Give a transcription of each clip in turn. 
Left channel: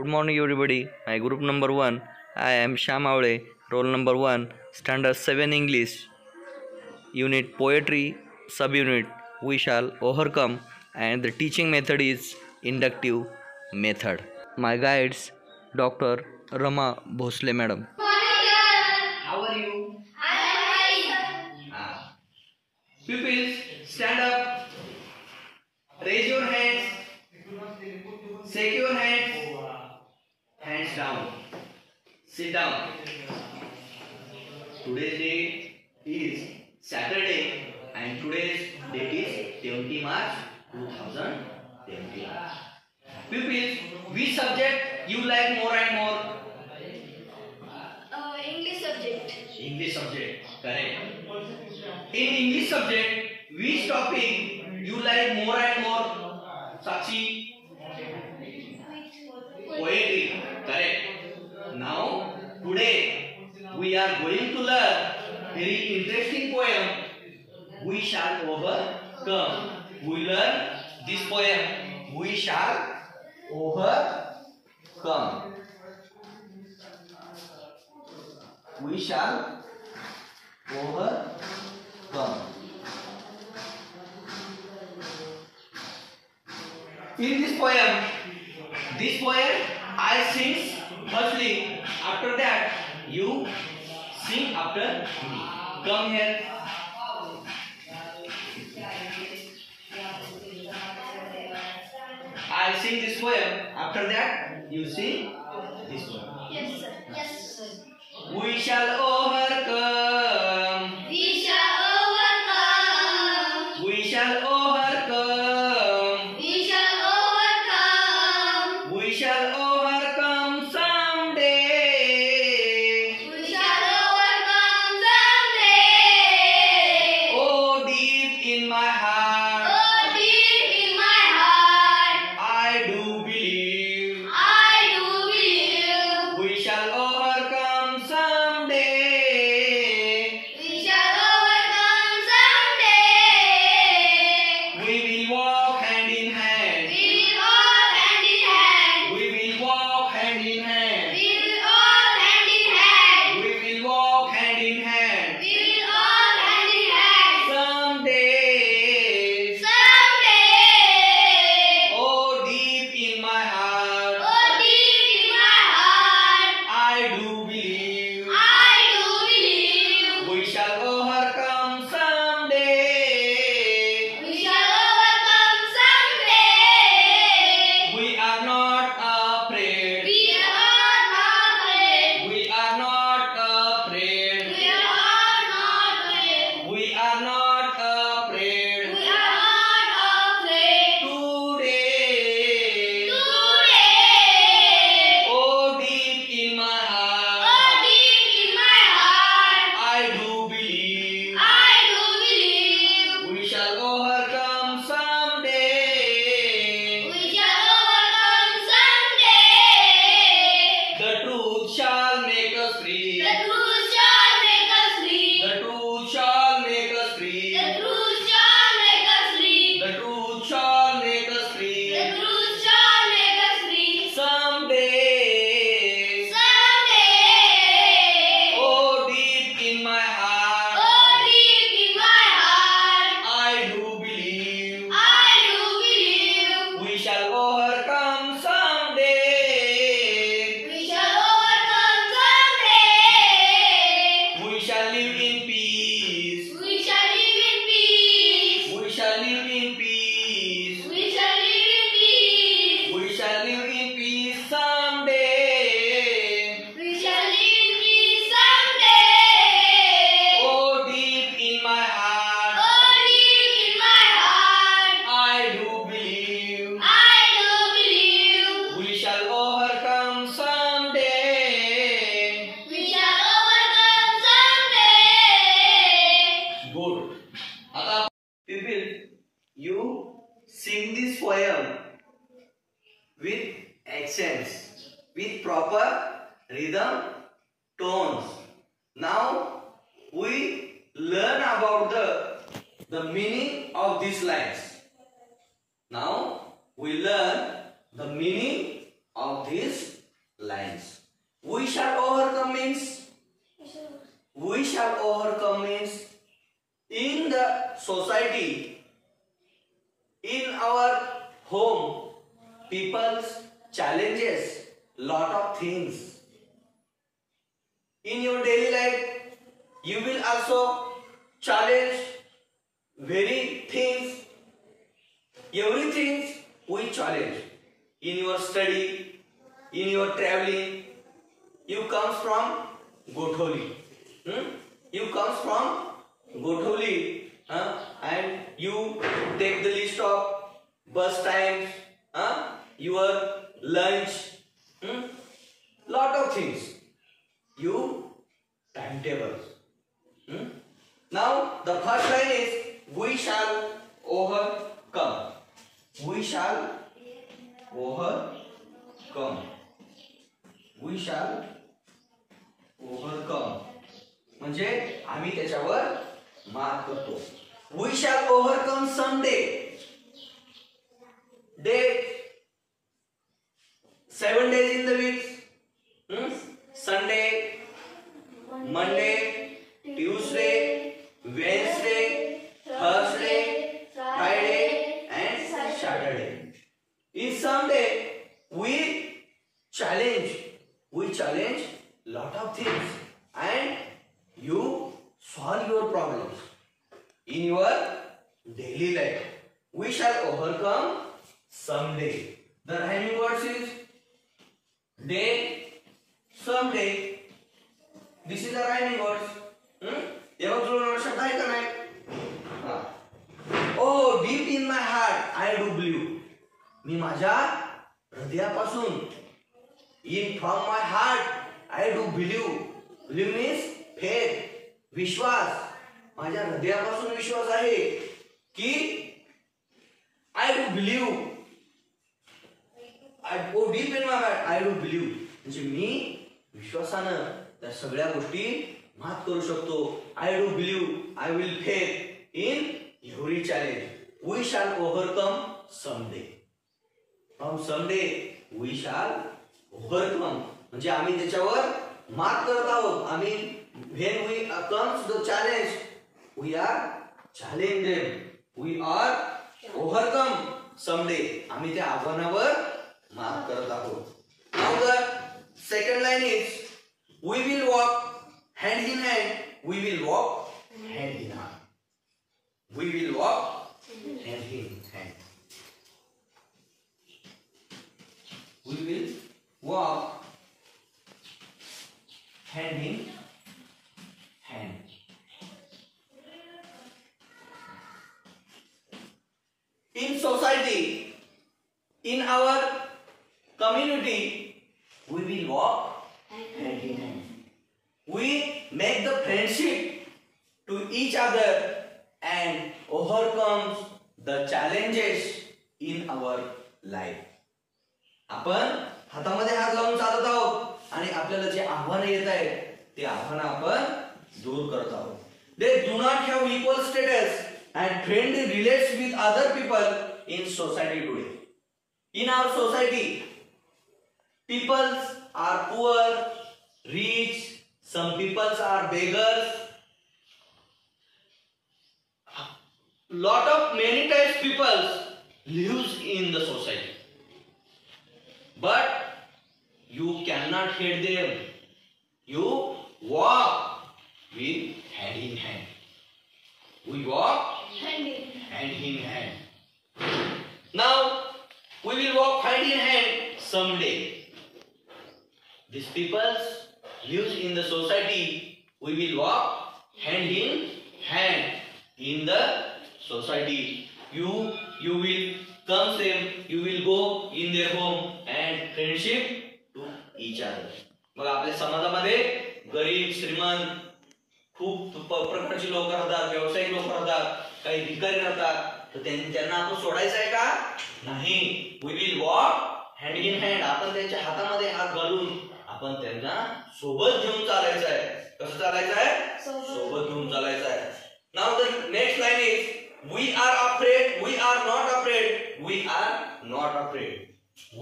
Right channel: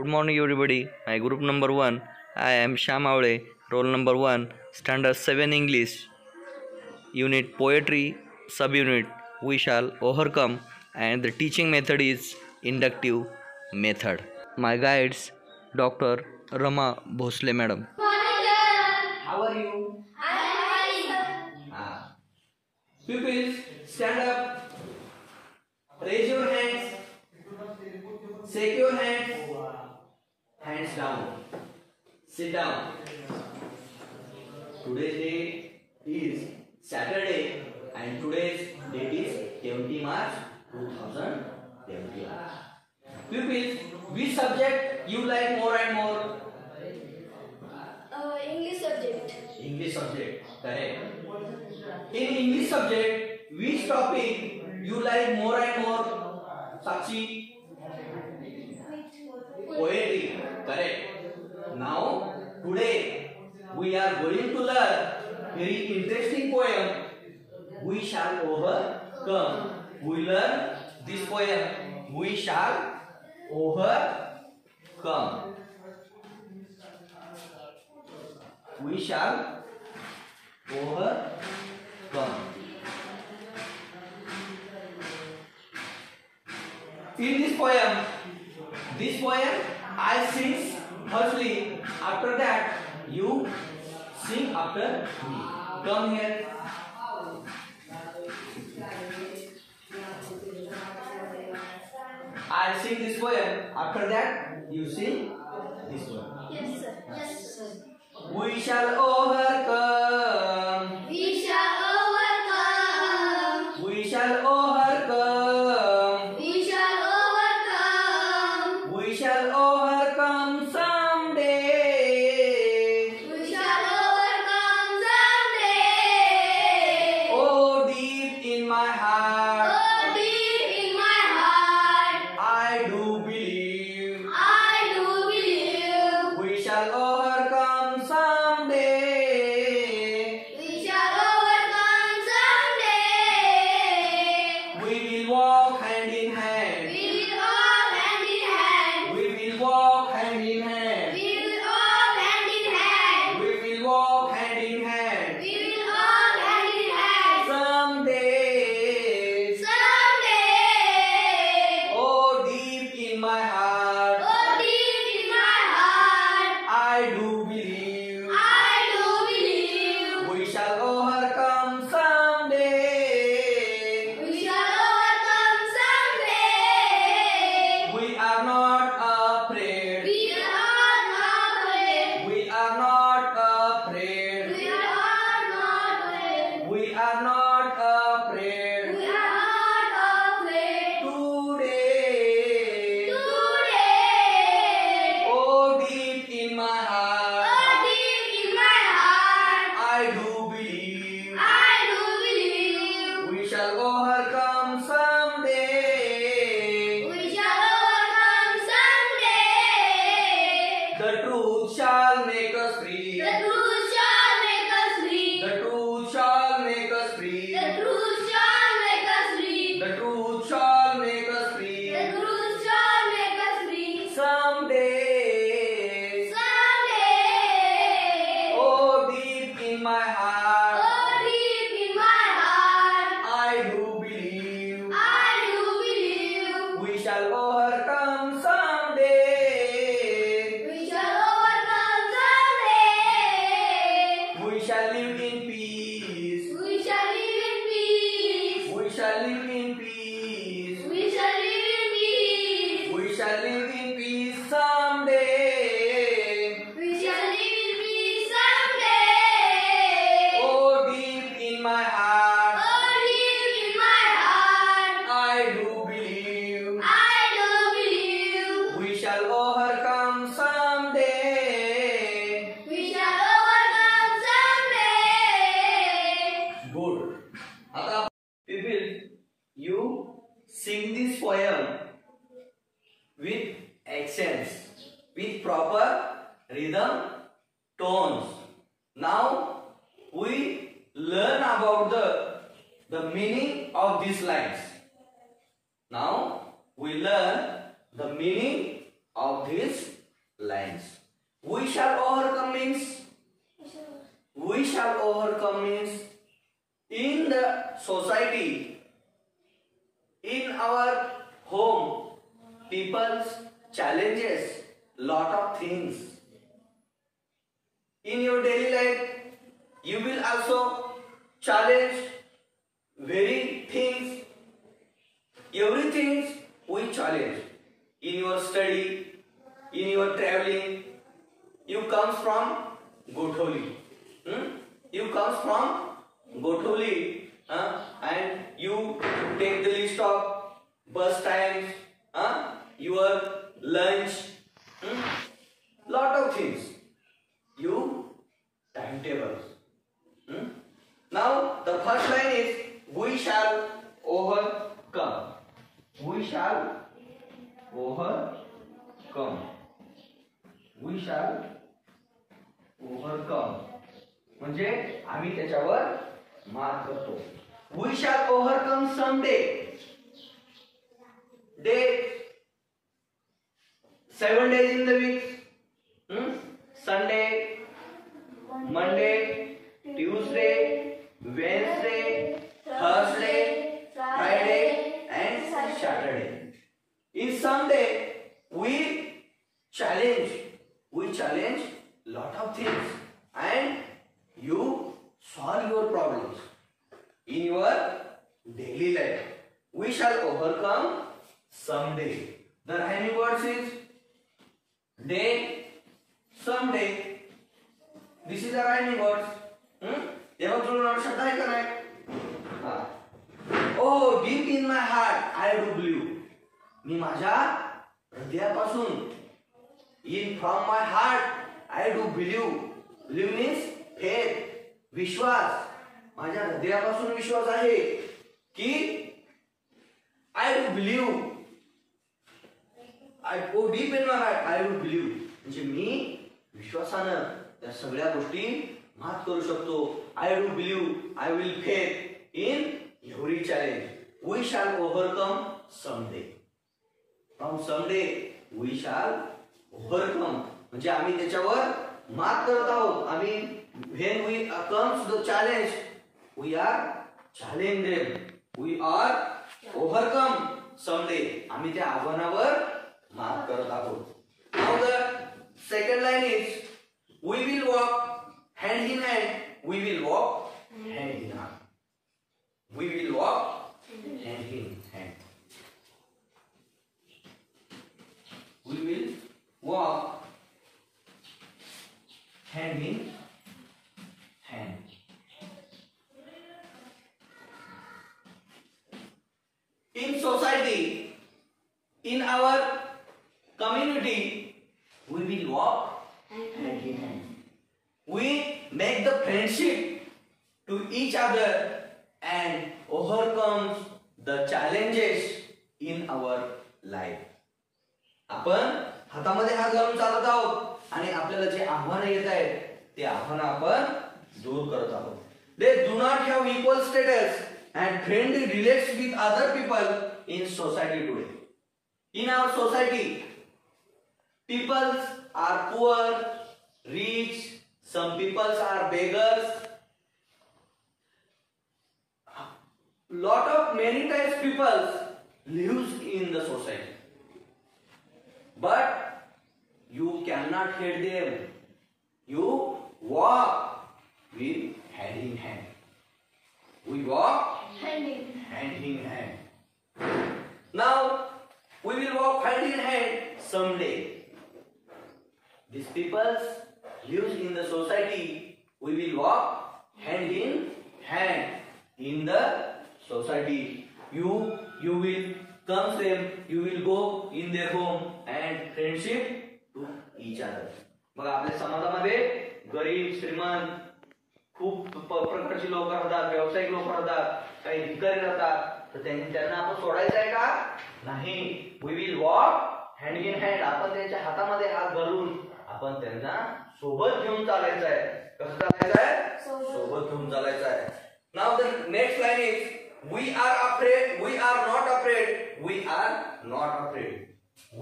Good morning, everybody. My group number 1. I am Shyam Avle, roll number 1, standard 7 English, unit poetry, subunit we shall overcome, and the teaching method is inductive method. My guides, Dr. Rama Bhosle Madam. How are you? Pupils, stand up, raise your hands, shake your hands, hands down, sit down. Today's date is Saturday and today's date is 20 March 2020. Pupils, which subject you like more and more? English subject. English subject, correct. In English subject, which topic you like more and more? Sakshi? Poetry, correct. Now, today we are going to learn very interesting poem. We shall overcome. We learn this poem. We shall overcome. We shall overcome. In this poem I sing firstly. After that, you sing after me. Come here. I'll sing this poem. After that, you sing this poem. Yes, sir. Yes, sir. We shall overcome. We shall overcome. We shall overcome. We shall overcome. We shall overcome someday. We shall overcome someday. Oh, deep in my heart, Oh, deep in my heart, I do believe. I do believe. We shall overcome someday. We shall overcome someday. We will walk hand in hand. We will all hand in hand. We will walk hand in hand. We will all hand in hand. We will walk hand in hand. We will all hand in hand. Someday. Someday. Oh, deep in my heart, Oh, deep in my heart, I do believe. I do believe. We shall overcome someday. We shall overcome someday. We are not afraid. We are not afraid. We are not afraid. We are not afraid. We are not afraid. We are not afraid. Today. Today. Oh, deep in my heart, Oh, deep in my heart, I do believe. I do believe. We shall overcome someday. We shall overcome someday. The truth shall make us free. The truth shall make us free. The truth shall make us free. The truth shall make us free. The truth shall make us free. The truth shall make us free. Someday. Someday. Oh, deep in my heart, Oh, deep in my heart, I do believe. I do believe. We shall overcome someday. We shall overcome someday. We shall live in peace. We shall live in peace. We shall live in peace. We shall live in peace. We shall live in peace someday. We shall live in peace someday. Oh, deep in my heart, Oh, deep in my heart, I do believe. I do believe. We shall overcome someday. We shall overcome someday. Good. आता people, you sing this poem with accents, with proper rhythm, tones. Now we learn about the meaning of these lines. Now we learn the meaning of these lines. We shall overcome means in the society, in our home, people's challenges lot of things. In your daily life, you will also challenge very things. Everything we challenge. In your study, in your traveling, you comes from Gotholi. You comes from Gotholi, and you take the list of bus times, your lunch, lot of things. You timetables. Now the first line is we shall overcome. We shall overcome. We shall overcome. म्हणजे आम्ही त्याच्यावर मात करतो. We shall overcome someday. Day 7 days in the week. Sunday, Monday, Tuesday, Wednesday, Thursday, Friday, and Saturday. In Sunday, we challenge lot of things, and you solve your problems in your daily life. We shall overcome someday. The rhyming words is day, someday. This is the rhyming words. तेव्हा जुळवणारा शब्द आहे का नाही? Oh, deep in my heart, I do believe. मी माझ्या हृदयापासून, in from my heart, I do believe. Believe means faith, विश्वास. माझ्या हृदयापासून विश्वास आहे की I do believe. Oh, deep in my heart, I do believe. म्हणजे मी विश्वासानं त्या सगळ्या गोष्टी मात करू शकतो. I do believe, I will faith in every challenge. We shall overcome someday. From someday we shall overcome. म्हणजे आम्ही त्याच्यावर मात करत आहोत. आम्ही when we comes the challenge, we are challenge them. We are overcome someday. आम्ही त्या आव्हानावर मात करत आहोत. Now the second line is we will walk hand in hand. We will walk hand in hand. We will walk hand in hand. We will walk hand in hand. In society, in our community, we will walk hand in hand. We make the friendship to each other and overcome the challenges in our life. आपण हातामध्ये हात लावून चालत आहोत आणि आपल्याला जे आव्हान येत आहेत ते आव्हान आपण दूर करत आहोत. They do not have equal status and friendly relates with other people in society today. In our society, people are poor, rich, some people are beggars. Lot of many types people lives in the society. But you cannot hate them. You walk with hand in hand. We walk hand in hand. Now we will walk hand in hand someday. These people lives in the society. We will walk hand in hand in the society. You will come them. You will go in their home and friendship to each other. मग आपल्या समाजामध्ये गरीब श्रीमंत खूप प्रकारची लोक राहतात, व्यावसायिक लोक राहतात, काही भिकारी राहतात. तर त्यांना आपण सोडायचं आहे का? नाही. We will walk hand in hand. आपण त्यांच्या हातामध्ये हात घालून आपण त्यांना सोबत घेऊन चालायचं आहे. कसं चालायचं आहे? सोबत घेऊन चालायचं आहे. Now the next line is we are afraid, we are not afraid, we are not afraid.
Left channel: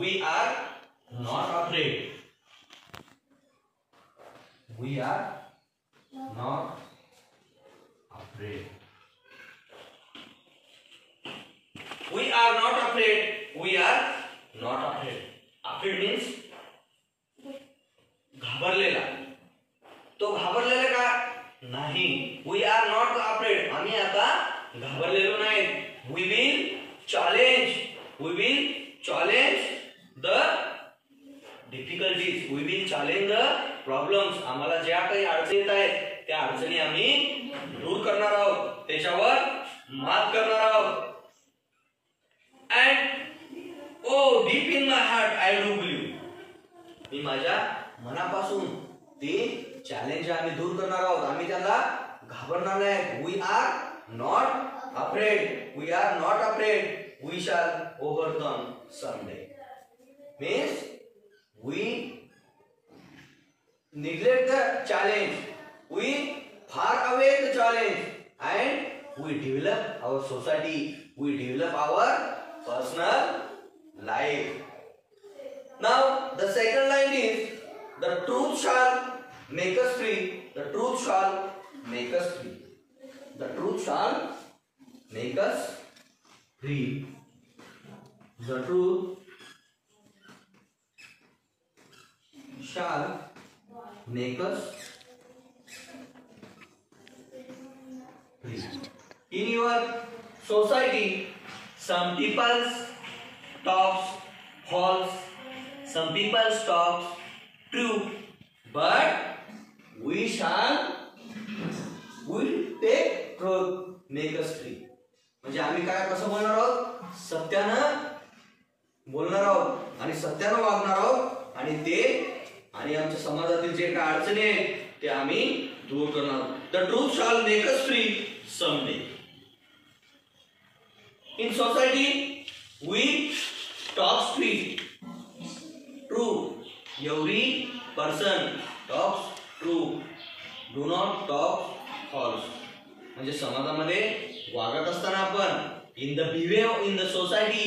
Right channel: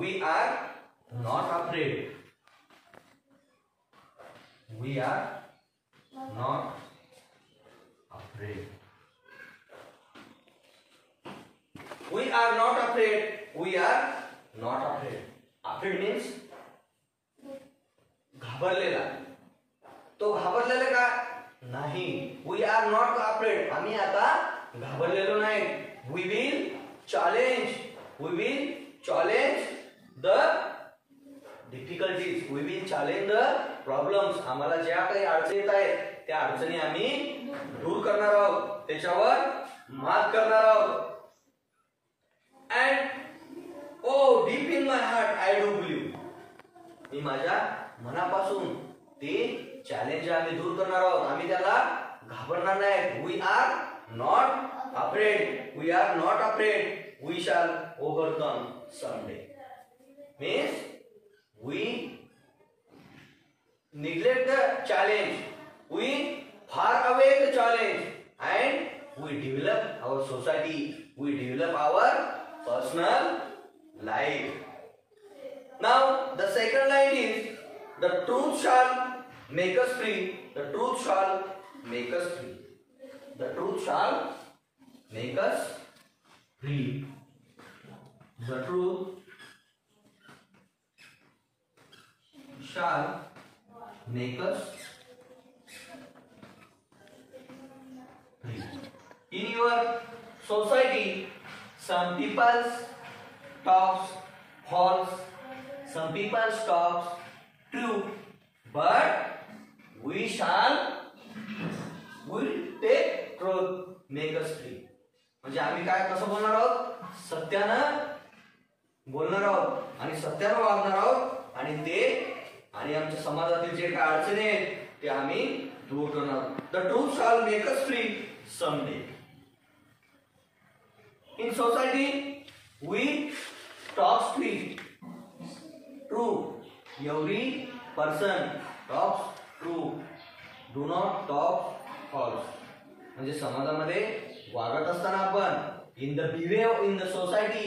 We are not afraid. We are not afraid. We are not afraid. We are not afraid. Afraid means घाबरलेला. तो घाबरलेला का नाही. We are not afraid. आम्ही आता घाबरलेलो नाही. We will challenge. We will challenge the difficulties. We will challenge the problems. आम्हाला ज्या काही अडचणी येत आहेत त्या अडचणी आम्ही दूर करणार आहोत. त्याच्यावर मात करणार आहोत. And oh, deep in my heart, I do believe. मी माझ्या मनापासून ते चॅलेंज आम्ही दूर करणार आहोत. आम्ही त्याला घाबरणार नाही. We are not afraid. We are not afraid. We shall overcome someday. Means we neglect the challenge. We far away the challenge, and we develop our society. We develop our personal life. Now the second line is the truth shall make us free. The truth shall make us free. The truth shall make us free. The truth shall make us free. In your society, some people talks false, some people talks true, but we take truth, make us free. म्हणजे आम्ही काय कसं बोलणार आहोत? सत्यानं बोलणार आहोत आणि सत्यानं वागणार आहोत आणि ते आणि आमच्या समाजातील जे काय अडचणी आहेत ते आम्ही दूर करणार. The truth shall make us free someday. In society, we talk straight, true. Every person talks true. Do not talk false. म्हणजे समाजामध्ये वागत असताना आपण in the behave in the society,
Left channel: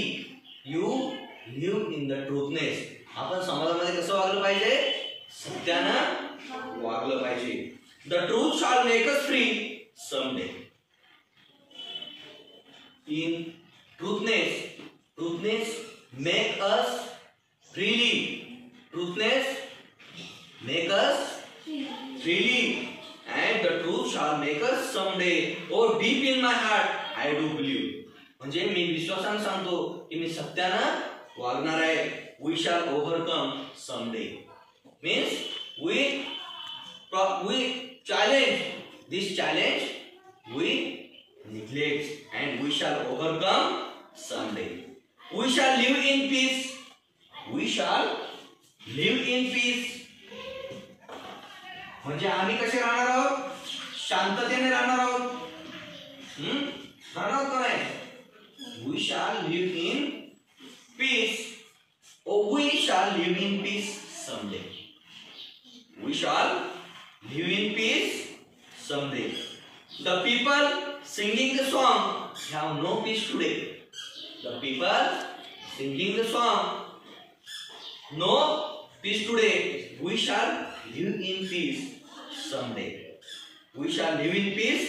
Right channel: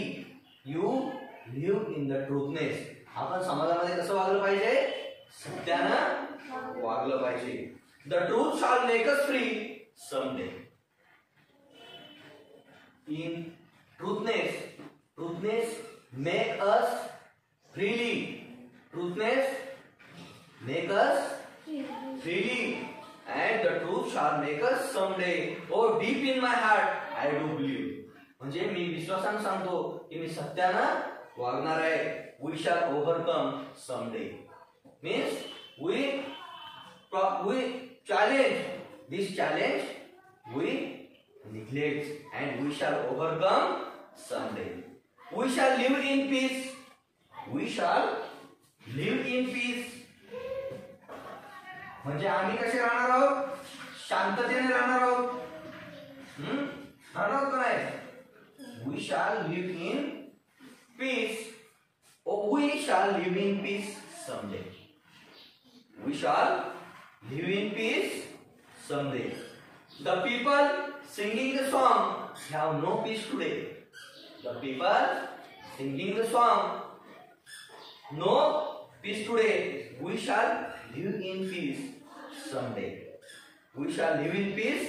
you live in the truthness. आपण समाजामध्ये कसं वागलं पाहिजे? सत्यानं वागलं पाहिजे. The truth shall make us free someday. In truthness make us freely. Truthness make us freely, and the truth shall make us someday. Oh, deep in my heart, I do believe. म्हणजे मी विश्वासाने सांगतो की मी सत्यानं वागणार आहे. We shall overcome someday. Means we challenge this challenge. We neglect and we shall overcome someday. We shall live in peace. We shall live in peace. म्हणजे आम्ही कसे राहणार आहोत? शांततेने राहणार आहोत. राहणार आहोत का नाही? We shall live in peace. Oh, we shall live in peace someday. We shall live in peace someday. The people singing the song have no peace today. The people singing the song, no peace today. We shall live in peace someday. We shall live in peace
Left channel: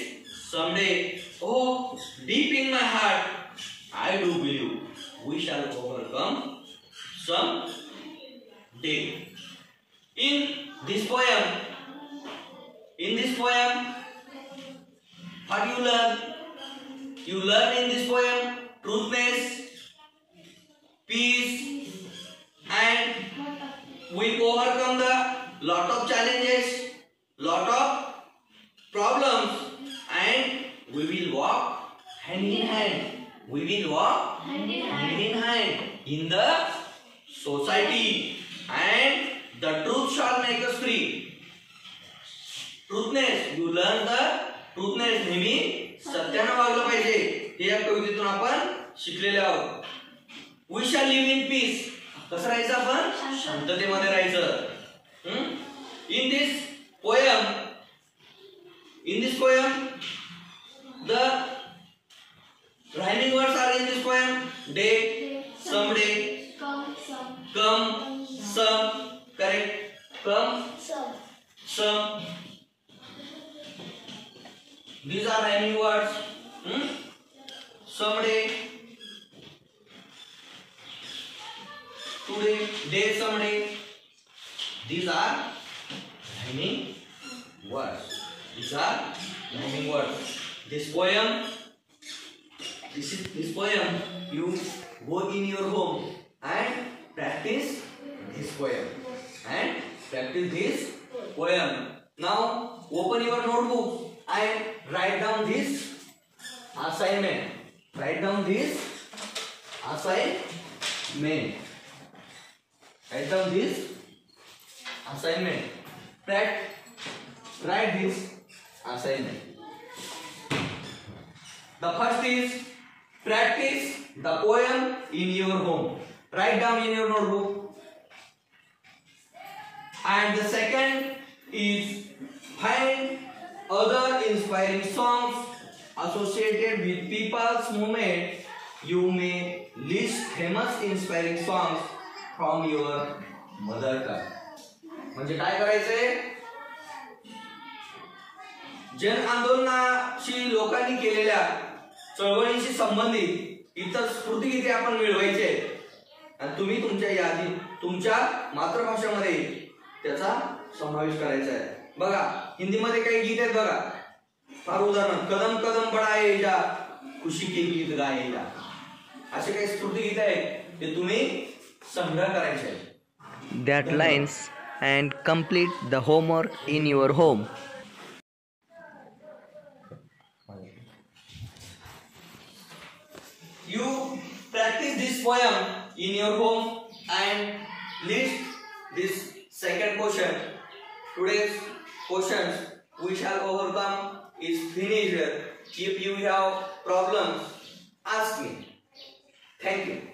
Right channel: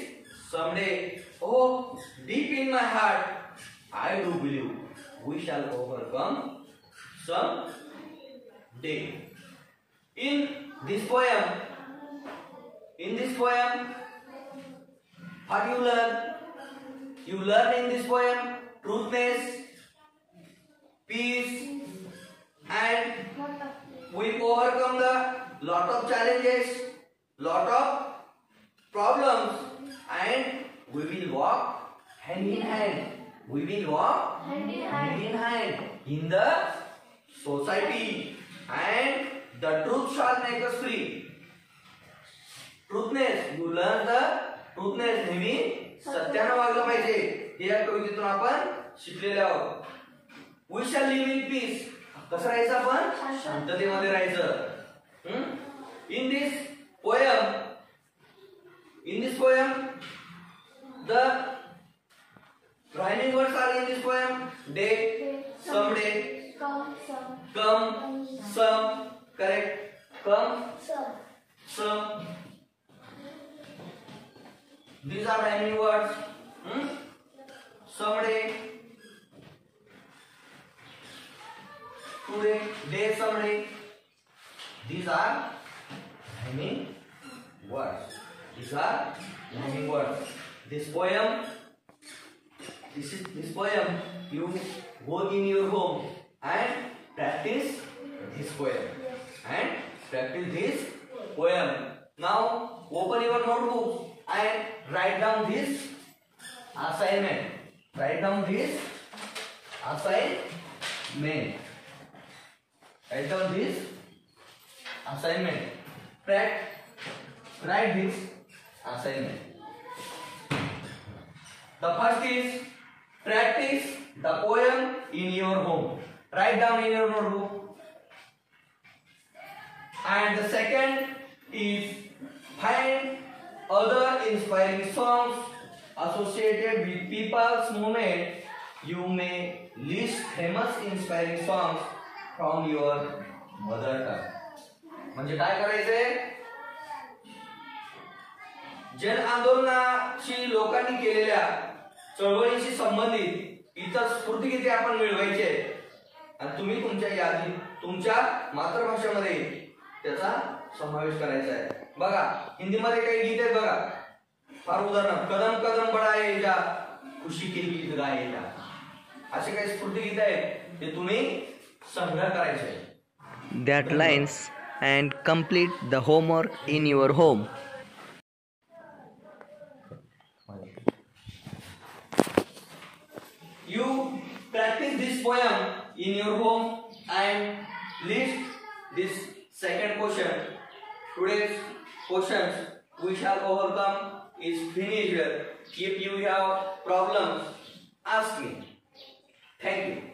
someday. Oh, deep in my heart, I do believe we shall overcome someday. In this poem, what you learn? You learn in this poem truthness, peace, and we overcome the lot of challenges, lot of problems, and we will walk hand in hand. We will walk hand in hand in the society, and the truth shall make us free. Truthness, you learn the truthness. नेहमी सत्यानं वागलं पाहिजे. हे या कवितेतून आपण शिकलेले आहोत. We shall live in peace. कसं राहायचं आपण? शांततेमध्ये राहायचं. In this poem, the rhyming words are in this poem: day, someday, come, some. Correct. Come, some. These are rhyming words. Someday, today, day, someday. These are rhyming words. These are rhyming words. This poem, this poem. You go in your home and practice this poem. Now open your notebook and write down this assignment. Write down this assignment. Write this assignment. The first is practice the poem in your home. Write down in your notebook. And the second is find other inspiring songs associated with people's movement. You may list famous inspiring songs from your mother tongue. म्हणजे काय करायचंय? जन आंदोलनाशी लोकांनी केलेल्या चळवळीशी संबंधित इतर स्फूर्तिगीते आपण मिळवायचे आणि तुम्ही तुमच्या यादीत तुमच्या मातृभाषेमध्ये त्याचा समावेश करायचा आहे. बघा हिंदीमध्ये काही गीत आहेत बघा. फार उदाहरण कदम कदम बढाए जा खुशी के गीत गाए जा असे काही स्फूर्तिगीत आहेत ते तुम्ही संग्रह करायचे आहे. That lines and complete the homework in your home. You practice this poem in your home and list this second question. Today's questions we shall overcome is finished. If you have problems, ask me. Thank you.